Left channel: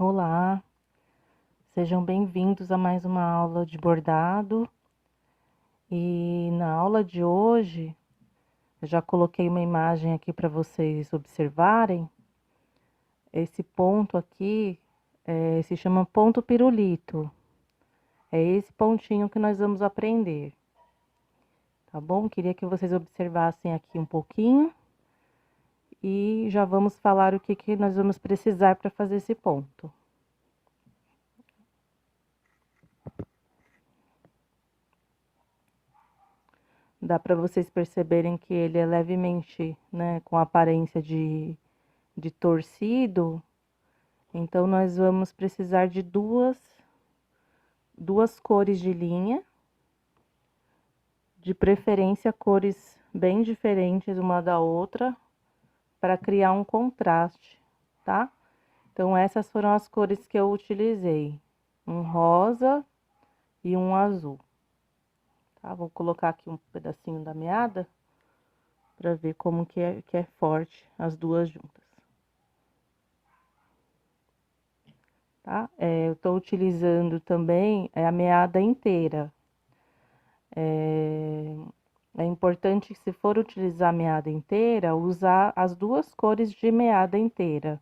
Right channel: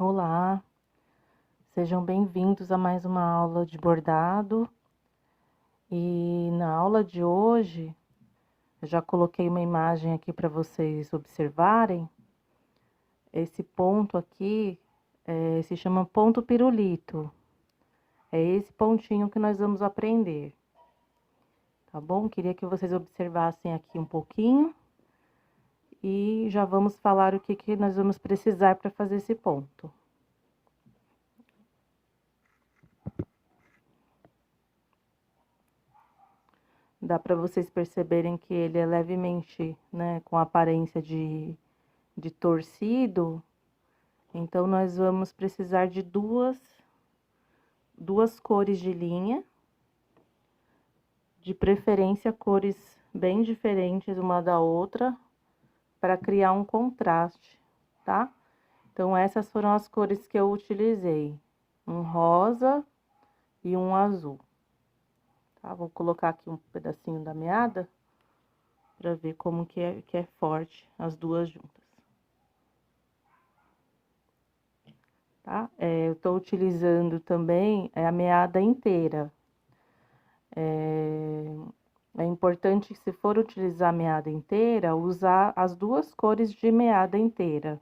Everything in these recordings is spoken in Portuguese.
Olá, sejam bem-vindos a mais uma aula de bordado. E na aula de hoje, eu já coloquei uma imagem aqui para vocês observarem. Esse ponto aqui se chama ponto pirulito. É esse pontinho que nós vamos aprender, tá bom? Queria que vocês observassem aqui um pouquinho e já vamos falar o que nós vamos precisar para fazer esse ponto. Dá para vocês perceberem que ele é levemente, né, com aparência de torcido. Então, nós vamos precisar de duas cores de linha, de preferência cores bem diferentes uma da outra, para criar um contraste, tá? Então, essas foram as cores que eu utilizei, um rosa e um azul, tá? Vou colocar aqui um pedacinho da meada, para ver como que é forte as duas juntas. Tá? Eu tô utilizando também a meada inteira. É importante que, se for utilizar a meada inteira, usar as duas cores de meada inteira.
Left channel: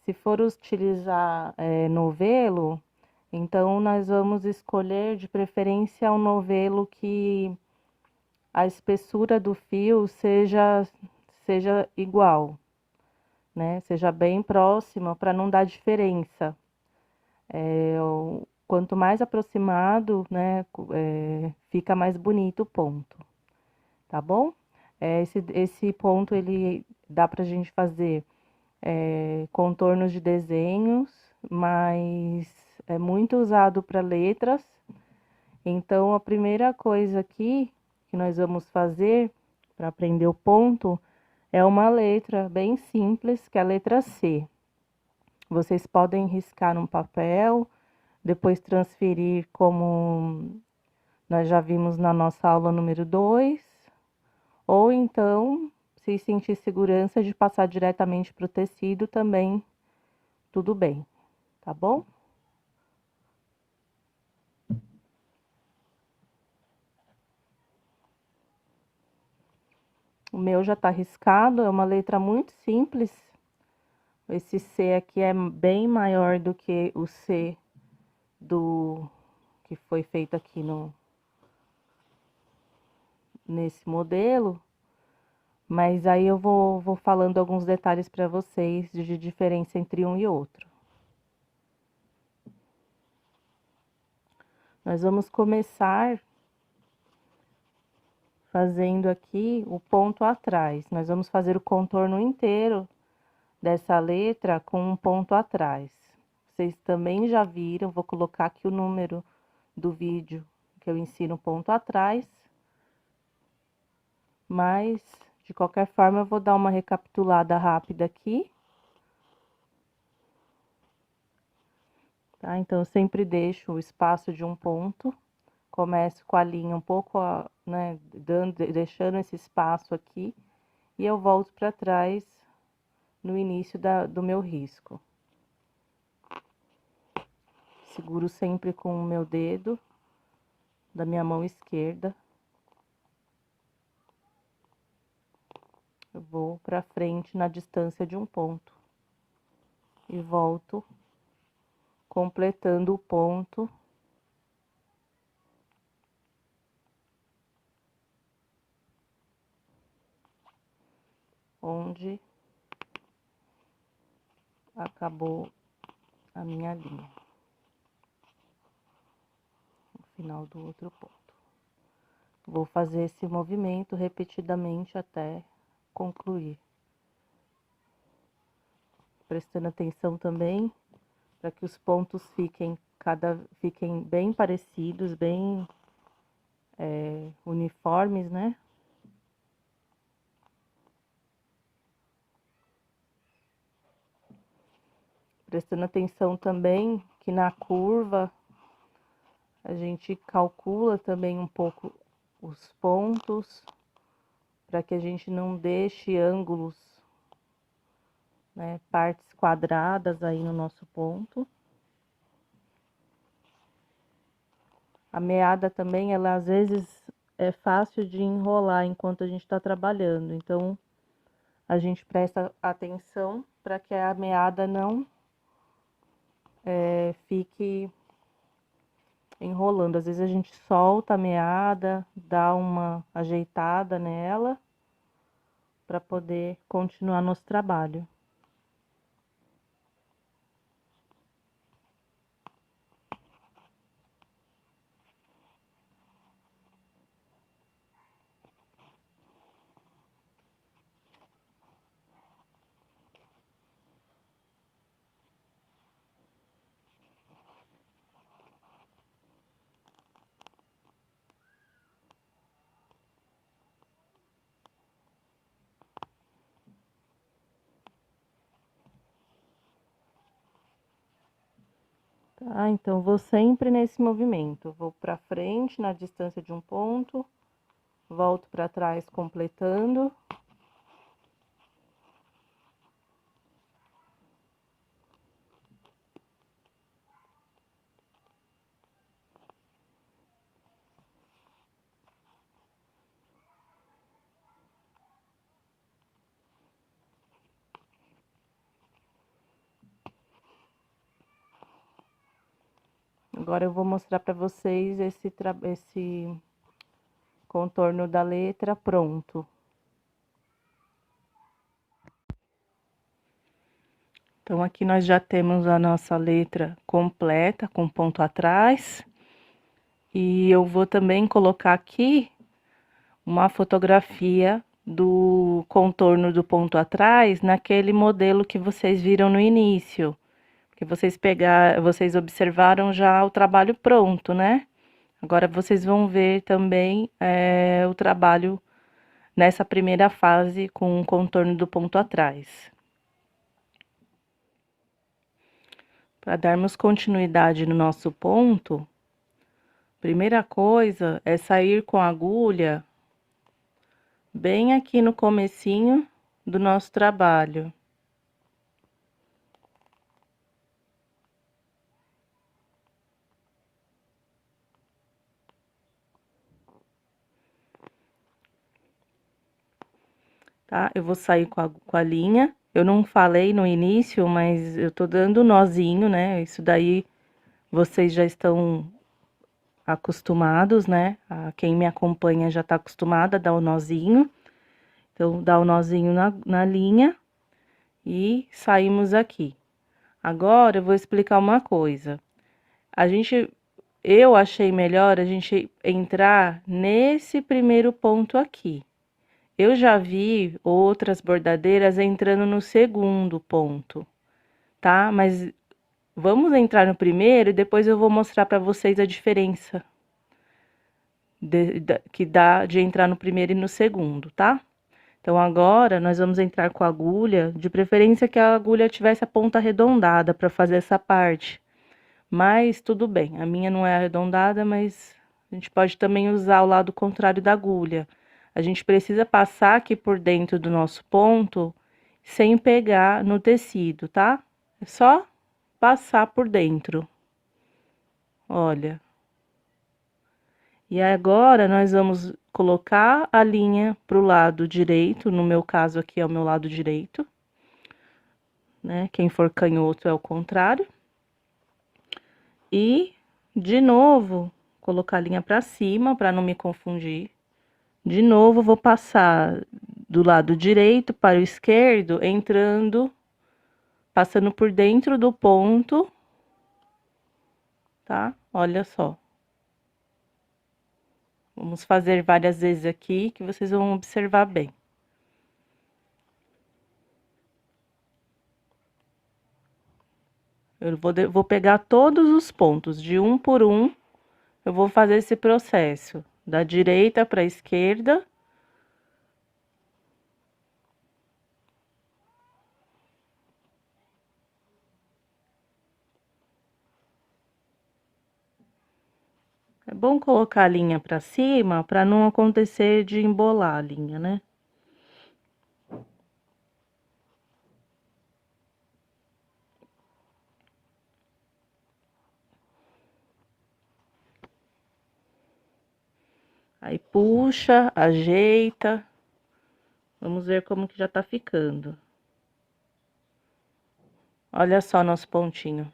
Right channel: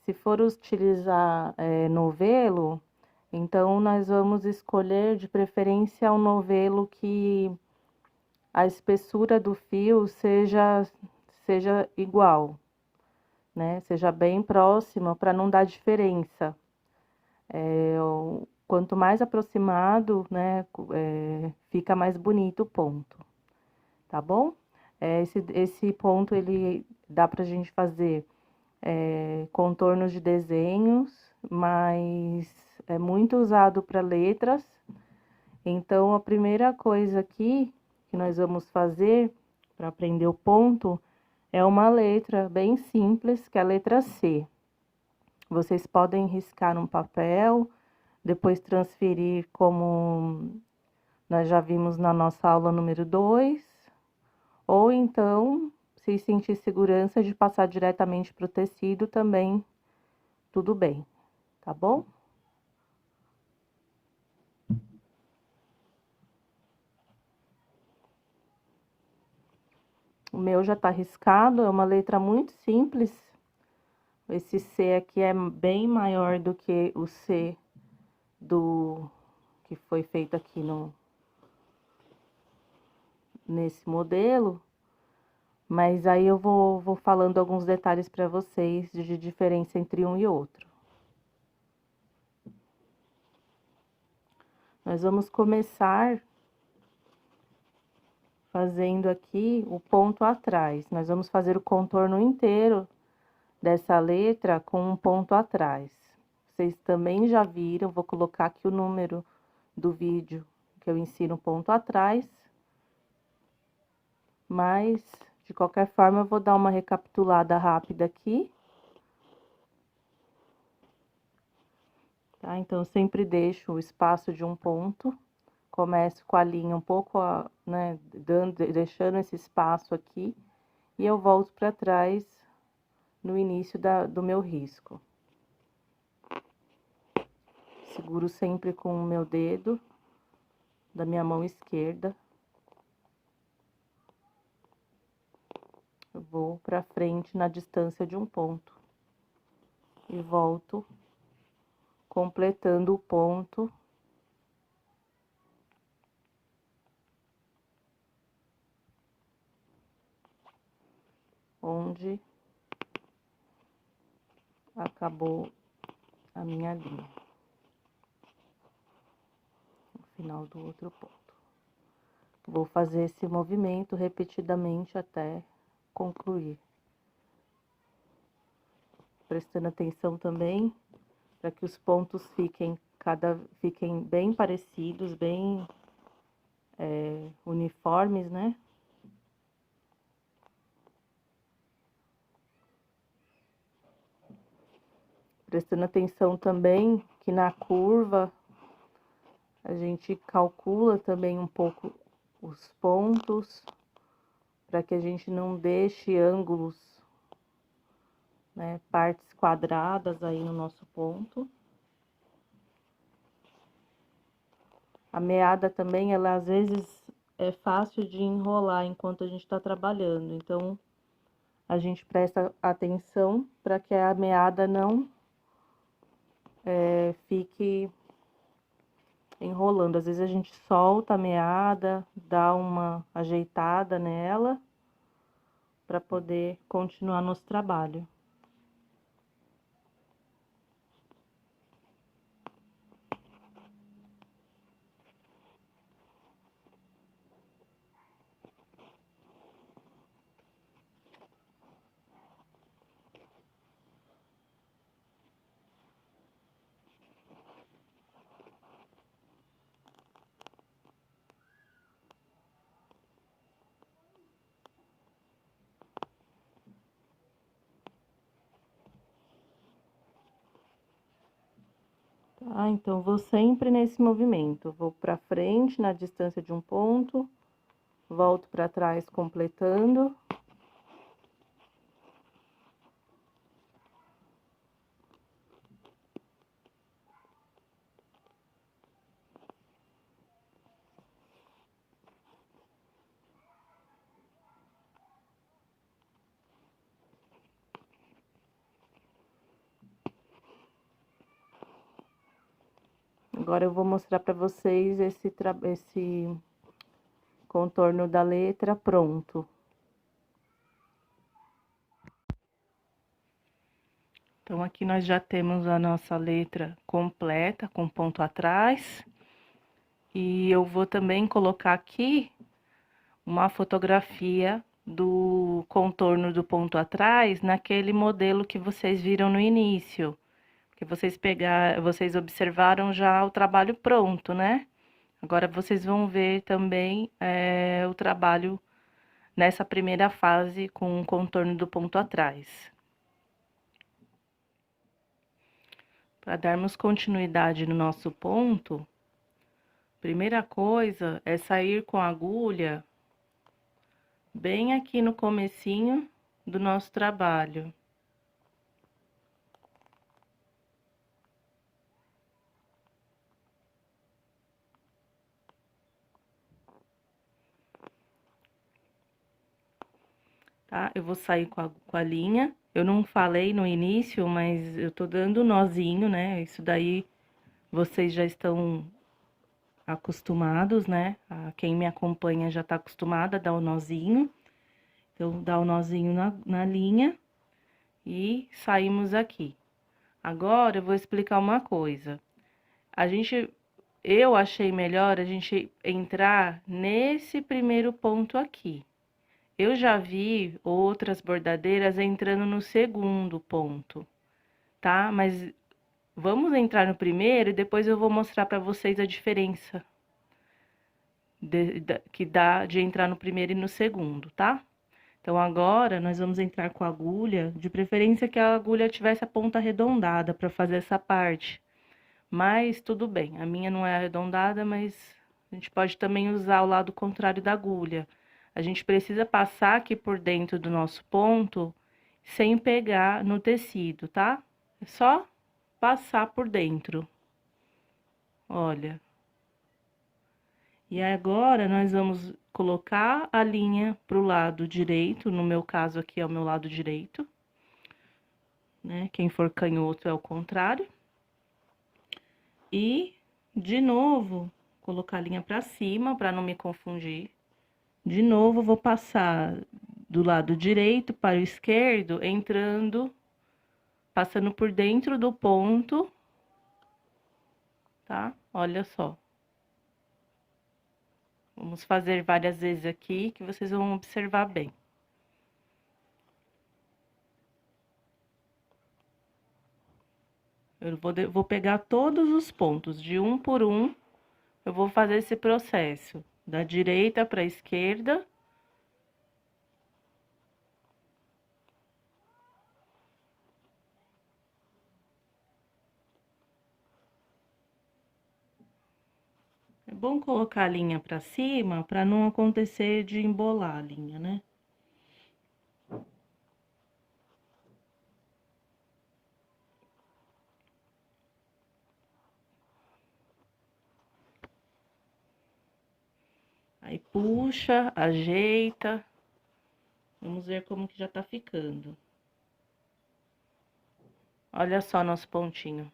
Se for utilizar novelo, então nós vamos escolher de preferência um novelo que a espessura do fio seja igual, né? Seja bem próxima, para não dar diferença. Quanto mais aproximado, né, fica mais bonito o ponto, tá bom? Esse ponto, ele dá pra gente fazer contornos de desenhos, mas é muito usado para letras. Então, a primeira coisa aqui que nós vamos fazer para aprender o ponto é uma letra bem simples, que é a letra C. Vocês podem riscar num papel, depois transferir, como nós já vimos na nossa aula número 2, ou então, se sentir segurança de passar diretamente para o tecido, também tudo bem, tá bom? O meu já tá riscado, é uma letra muito simples. Esse C aqui é bem maior do que o C que foi feito aqui nesse modelo. Mas aí eu vou falando alguns detalhes para vocês de diferença entre um e outro. Nós vamos começar fazendo aqui o ponto atrás. Nós vamos fazer o contorno inteiro dessa letra com um ponto atrás. Vocês também já viram, vou colocar aqui o número do vídeo que eu ensino ponto atrás. Mas, de qualquer forma, eu vou dar uma recapitulada rápida aqui. Tá? Então, eu sempre deixo o espaço de um ponto. Começo com a linha um pouco, né, deixando esse espaço aqui. E eu volto para trás no início do meu risco. Seguro sempre com o meu dedo da minha mão esquerda. Eu vou para frente na distância de um ponto. E volto completando o ponto onde acabou a minha linha, no final do outro ponto. Vou fazer esse movimento repetidamente até concluir. Prestando atenção também para que os pontos fiquem bem parecidos, bem uniformes, né? Prestando atenção também que na curva a gente calcula também um pouco os pontos, para que a gente não deixe ângulos né, partes quadradas aí no nosso ponto. A meada também, ela às vezes é fácil de enrolar enquanto a gente está trabalhando, então a gente presta atenção para que a meada não fique enrolando. Às vezes a gente solta a meada, dá uma ajeitada nela para poder continuar nosso trabalho. Tá? Então, vou sempre nesse movimento. Vou para frente na distância de um ponto, volto para trás completando. Agora eu vou mostrar para vocês esse contorno da letra pronto. Então, aqui nós já temos a nossa letra completa, com ponto atrás. E eu vou também colocar aqui uma fotografia do contorno do ponto atrás, naquele modelo que vocês viram no início. Que vocês observaram já o trabalho pronto, né? Agora, vocês vão ver também o trabalho nessa primeira fase com o contorno do ponto atrás. Para darmos continuidade no nosso ponto, primeira coisa é sair com a agulha bem aqui no comecinho do nosso trabalho. Tá? Eu vou sair com a linha. Eu não falei no início, mas eu tô dando nozinho, né? Isso daí vocês já estão acostumados, né? Quem me acompanha já tá acostumado a dar o nozinho. Então, dá o nozinho na linha e saímos aqui. Agora, eu vou explicar uma coisa. Eu achei melhor a gente entrar nesse primeiro ponto aqui. Eu já vi outras bordadeiras entrando no segundo ponto, tá? Mas vamos entrar no primeiro e depois eu vou mostrar para vocês a diferença que dá de entrar no primeiro e no segundo, tá? Então, agora, nós vamos entrar com a agulha, de preferência que a agulha tivesse a ponta arredondada para fazer essa parte. Mas, tudo bem, a minha não é arredondada, mas a gente pode também usar o lado contrário da agulha. A gente precisa passar aqui por dentro do nosso ponto, sem pegar no tecido, tá? É só passar por dentro. Olha. E agora, nós vamos colocar a linha pro lado direito, no meu caso aqui é o meu lado direito, né? Quem for canhoto é o contrário. E, de novo, colocar a linha pra cima, pra não me confundir. De novo, vou passar do lado direito para o esquerdo, passando por dentro do ponto, tá? Olha só. Vamos fazer várias vezes aqui, que vocês vão observar bem. Eu vou pegar todos os pontos, de um por um, eu vou fazer esse processo, da direita para a esquerda. É bom colocar a linha para cima, para não acontecer de embolar a linha, né? Aí puxa, ajeita. Vamos ver como que já tá ficando. Olha só nosso pontinho.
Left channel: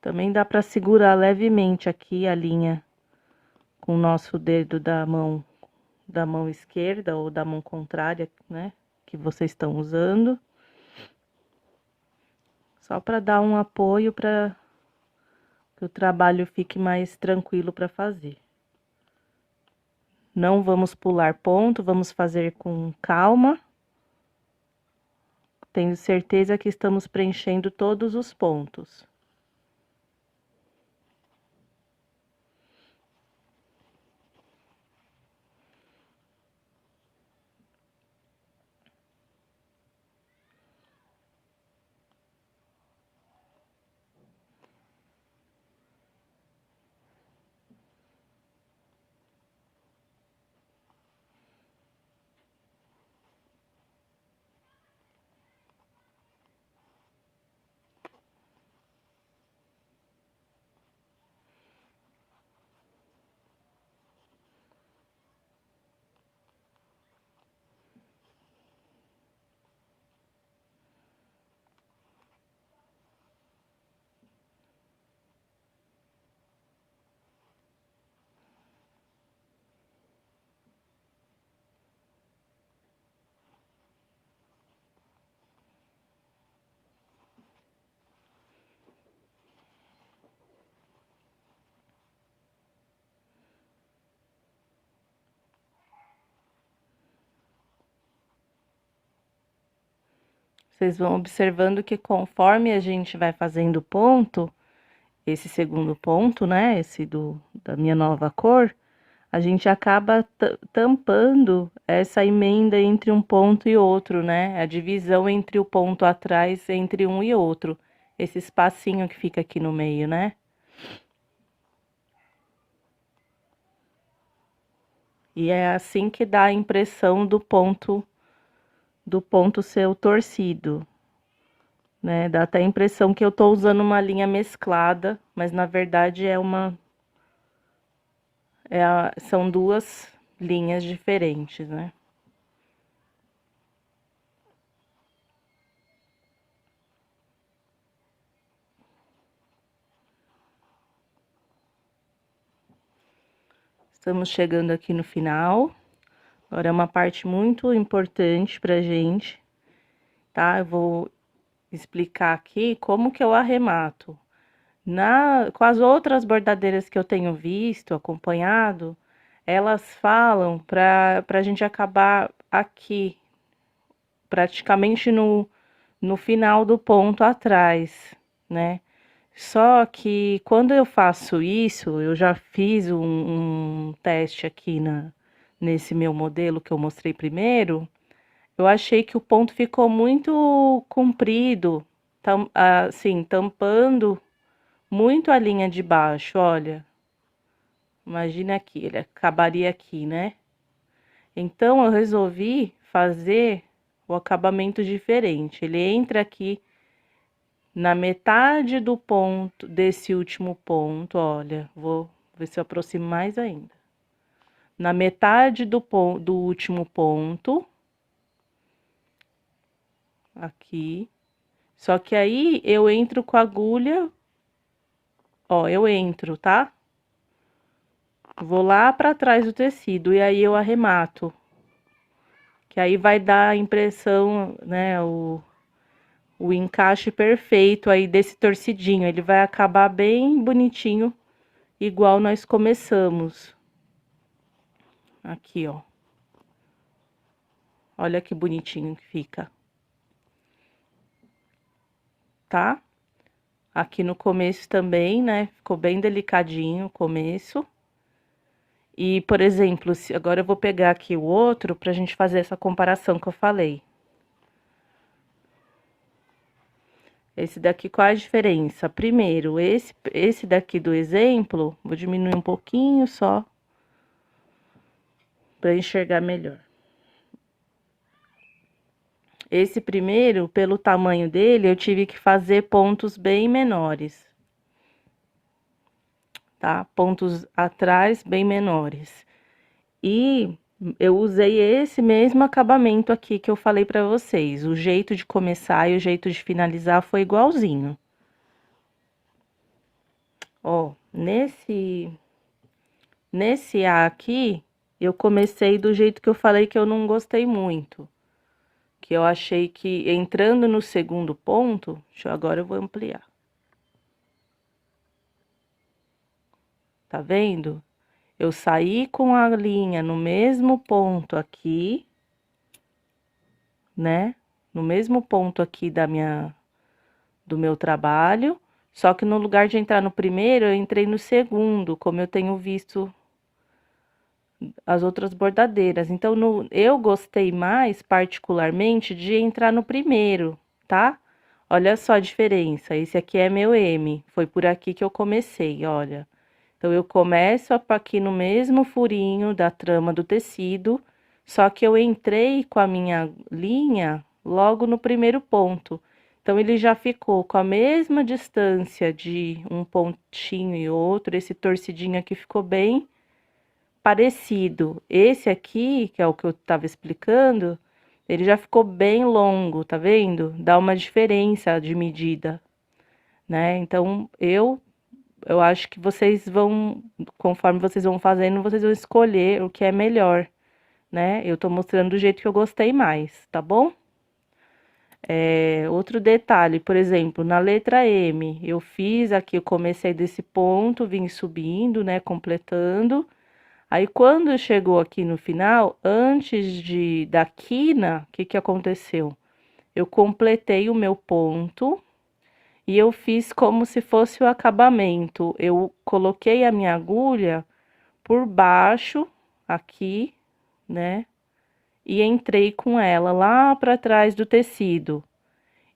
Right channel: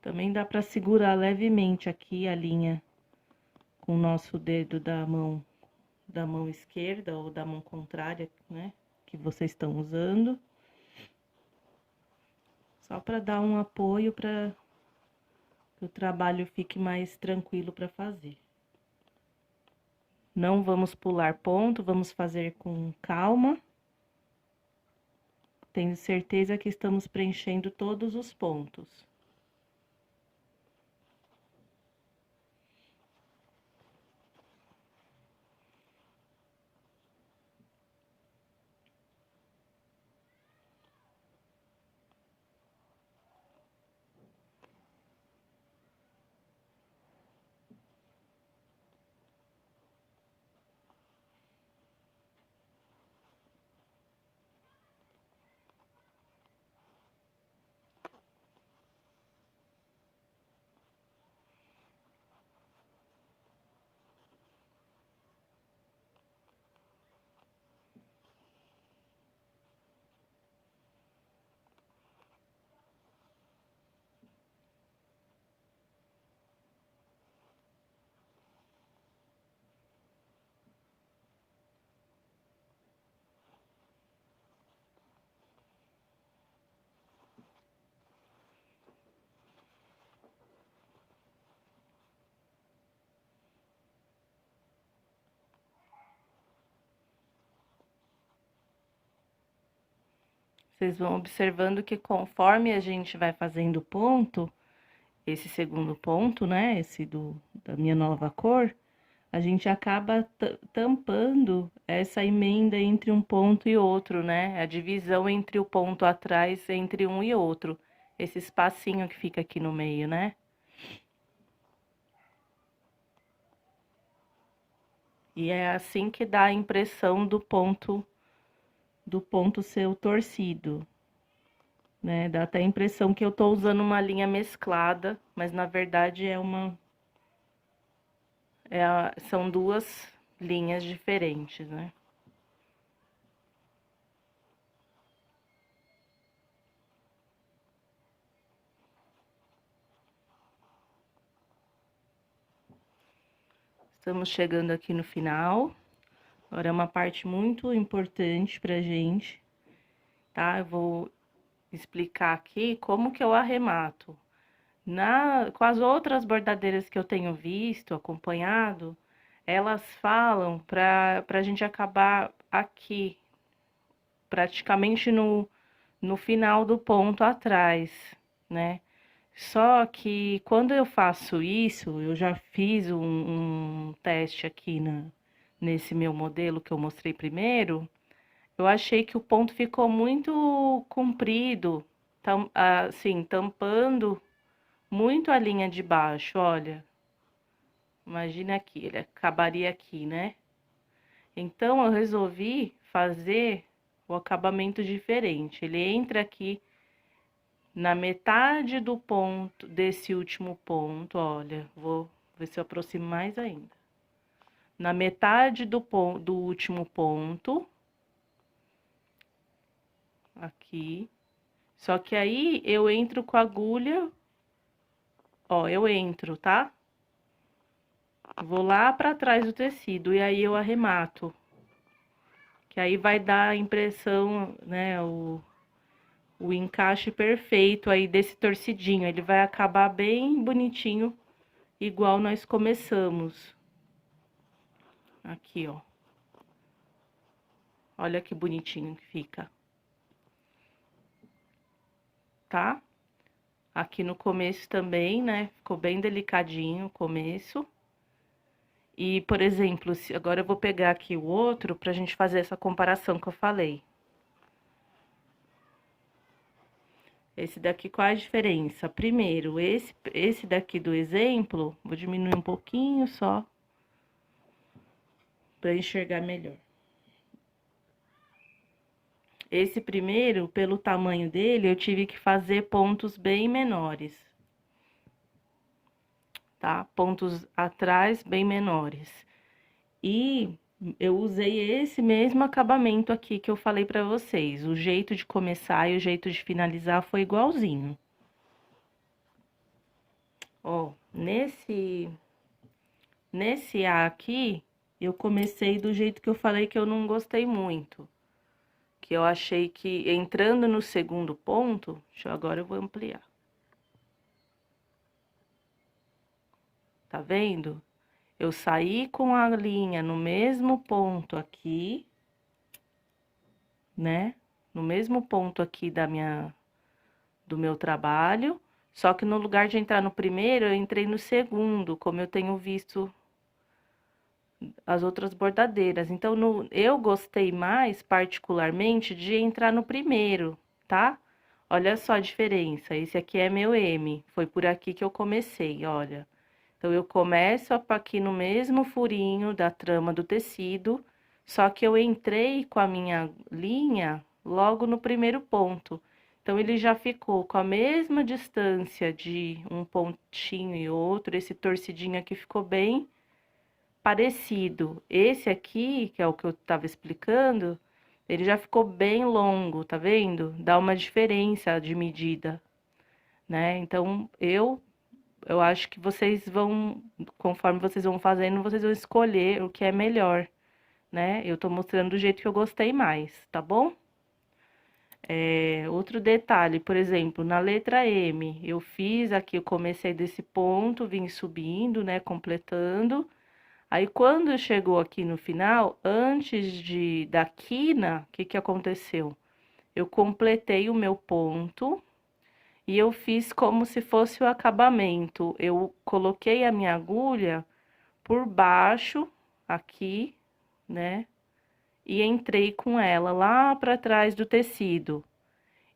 Também dá pra segurar levemente aqui a linha com o nosso dedo da mão esquerda ou da mão contrária, né? Que vocês estão usando. Só para dar um apoio para que o trabalho fique mais tranquilo para fazer. Não vamos pular ponto, vamos fazer com calma, tendo certeza que estamos preenchendo todos os pontos. Vocês vão observando que conforme a gente vai fazendo ponto, esse segundo ponto, né, da minha nova cor, a gente acaba tampando essa emenda entre um ponto e outro, né, a divisão entre o ponto atrás, entre um e outro, esse espacinho que fica aqui no meio, né. E é assim que dá a impressão do ponto ser torcido, né? Dá até a impressão que eu tô usando uma linha mesclada, mas na verdade são duas linhas diferentes, né? Estamos chegando aqui no final. Agora é uma parte muito importante pra gente, tá? Eu vou explicar aqui como que eu arremato. Com as outras bordadeiras que eu tenho visto, acompanhado, elas falam pra gente acabar aqui, praticamente no final do ponto atrás, né? Só que quando eu faço isso, eu já fiz um teste aqui nesse meu modelo que eu mostrei primeiro, eu achei que o ponto ficou muito comprido, assim, tampando muito a linha de baixo, olha. Imagina aqui, ele acabaria aqui, né? Então, eu resolvi fazer o acabamento diferente. Ele entra aqui na metade do ponto, desse último ponto, olha, vou ver se eu aproximo mais ainda. Na metade do último ponto, aqui. Só que aí eu entro com a agulha, ó, eu entro, tá? Vou lá pra trás do tecido e aí eu arremato. Que aí vai dar a impressão, né, o encaixe perfeito aí desse torcidinho. Ele vai acabar bem bonitinho, igual nós começamos. Aqui, ó. Olha que bonitinho que fica. Tá? Aqui no começo também, né? Ficou bem delicadinho o começo. E, por exemplo, agora eu vou pegar aqui o outro pra gente fazer essa comparação que eu falei. Esse daqui, qual a diferença? Primeiro, esse daqui do exemplo, vou diminuir um pouquinho só, pra enxergar melhor. Esse primeiro, pelo tamanho dele, eu tive que fazer pontos bem menores, tá? Pontos atrás bem menores. E eu usei esse mesmo acabamento aqui que eu falei pra vocês. O jeito de começar e o jeito de finalizar foi igualzinho. Ó, nesse A aqui, eu comecei do jeito que eu falei que eu não gostei muito. Que eu achei que, entrando no segundo ponto, agora eu vou ampliar. Tá vendo? Eu saí com a linha no mesmo ponto aqui, né? No mesmo ponto aqui do meu trabalho, só que no lugar de entrar no primeiro, eu entrei no segundo, como eu tenho visto as outras bordadeiras. Então, eu gostei mais, particularmente, de entrar no primeiro, tá? Olha só a diferença, esse aqui é meu M, foi por aqui que eu comecei, olha. Então, eu começo aqui no mesmo furinho da trama do tecido, só que eu entrei com a minha linha logo no primeiro ponto. Então, ele já ficou com a mesma distância de um pontinho e outro, esse torcidinho aqui ficou bem parecido. Esse aqui, que é o que eu tava explicando, ele já ficou bem longo, tá vendo? Dá uma diferença de medida, né? Então, eu acho que vocês vão, conforme vocês vão fazendo, vocês vão escolher o que é melhor, né? Eu tô mostrando do jeito que eu gostei mais, tá bom? Outro detalhe, por exemplo, na letra M, eu fiz aqui, eu comecei desse ponto, vim subindo, né, completando. Aí, quando chegou aqui no final, antes da quina, o que que aconteceu? Eu completei o meu ponto e eu fiz como se fosse o acabamento. Eu coloquei a minha agulha por baixo, aqui, né? E entrei com ela lá para trás do tecido.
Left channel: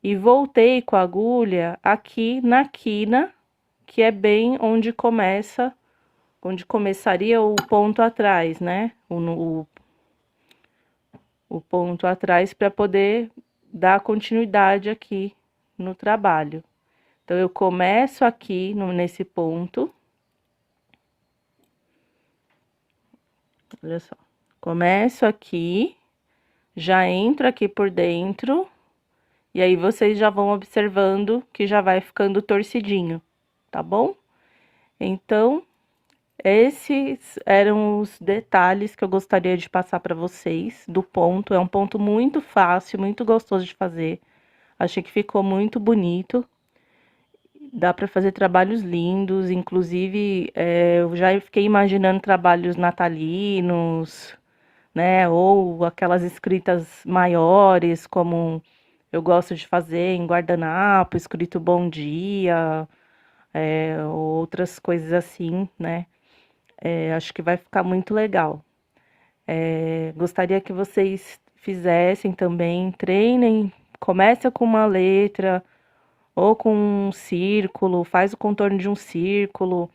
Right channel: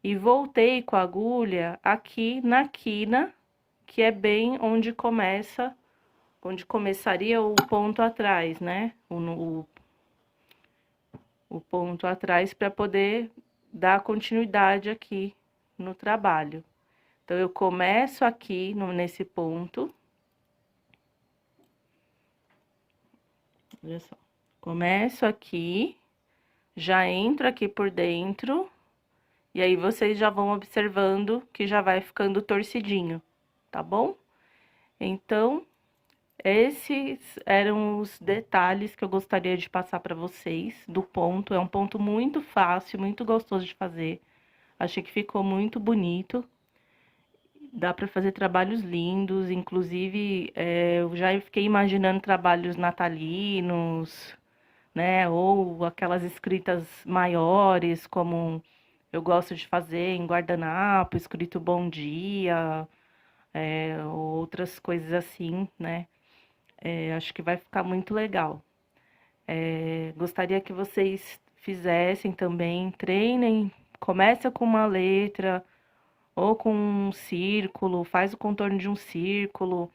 E voltei com a agulha aqui na quina, que é bem onde começaria o ponto atrás, né? O ponto atrás para poder dar continuidade aqui no trabalho. Então, eu começo aqui nesse ponto. Olha só. Começo aqui, já entro aqui por dentro, e aí vocês já vão observando que já vai ficando torcidinho, tá bom? Então, esses eram os detalhes que eu gostaria de passar para vocês do ponto. É um ponto muito fácil, muito gostoso de fazer. Achei que ficou muito bonito. Dá para fazer trabalhos lindos, inclusive eu já fiquei imaginando trabalhos natalinos, né? Ou aquelas escritas maiores, como eu gosto de fazer em guardanapo, escrito bom dia, outras coisas assim, né? Acho que vai ficar muito legal. Gostaria que vocês fizessem também, treinem, começa com uma letra ou com um círculo, faz o contorno de um círculo,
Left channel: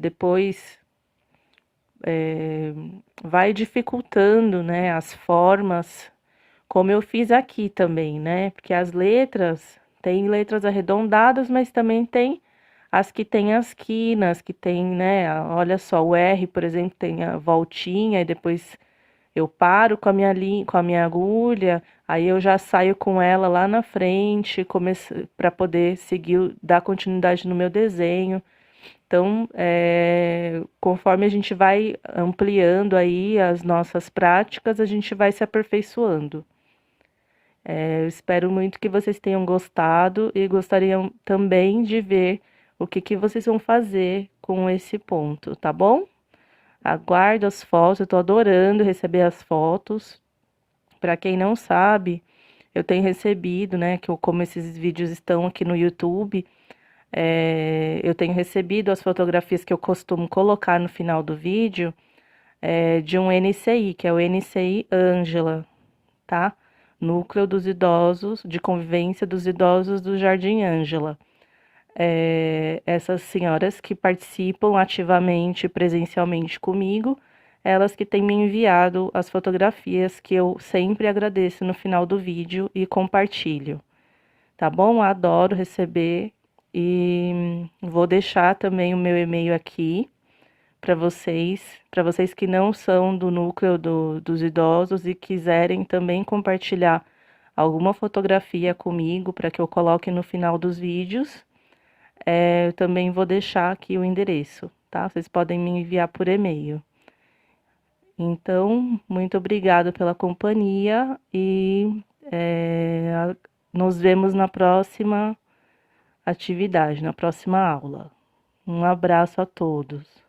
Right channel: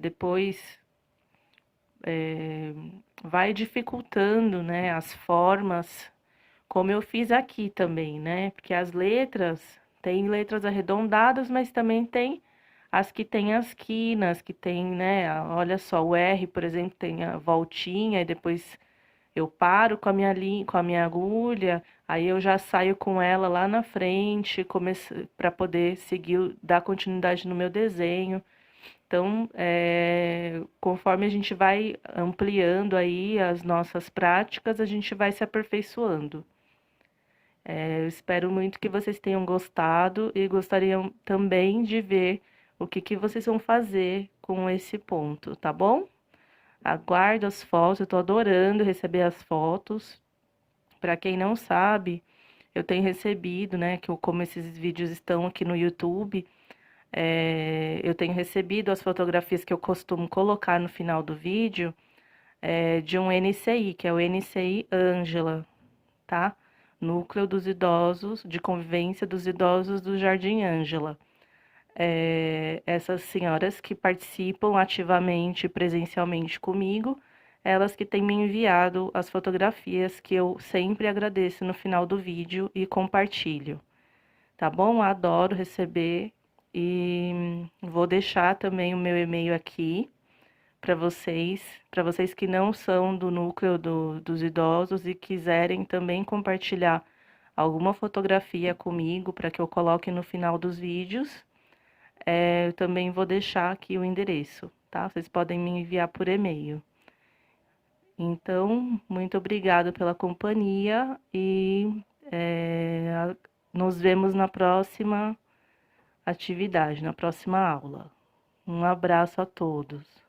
depois vai dificultando, né, as formas, como eu fiz aqui também, né? Porque as letras, tem letras arredondadas, mas também tem as que tem as quinas, que tem, né? Olha só, o R, por exemplo, tem a voltinha, e depois eu paro com a com a minha agulha, aí eu já saio com ela lá na frente, para poder seguir, dar continuidade no meu desenho. Então, conforme a gente vai ampliando aí as nossas práticas, a gente vai se aperfeiçoando. Eu espero muito que vocês tenham gostado e gostariam também de ver o que vocês vão fazer com esse ponto, tá bom? Aguardo as fotos, eu tô adorando receber as fotos. Para quem não sabe, eu tenho recebido, né, como esses vídeos estão aqui no YouTube, eu tenho recebido as fotografias que eu costumo colocar no final do vídeo, de um NCI, que é o NCI Ângela, tá? Núcleo dos Idosos, de Convivência dos Idosos do Jardim Ângela. Essas senhoras que participam ativamente, presencialmente comigo, elas que têm me enviado as fotografias que eu sempre agradeço no final do vídeo e compartilho, tá bom? Adoro receber e vou deixar também o meu e-mail aqui para vocês que não são do núcleo dos idosos e quiserem também compartilhar alguma fotografia comigo para que eu coloque no final dos vídeos. Eu também vou deixar aqui o endereço, tá? Vocês podem me enviar por e-mail. Então, muito obrigada pela companhia e nos vemos na próxima atividade, na próxima aula. Um abraço a todos.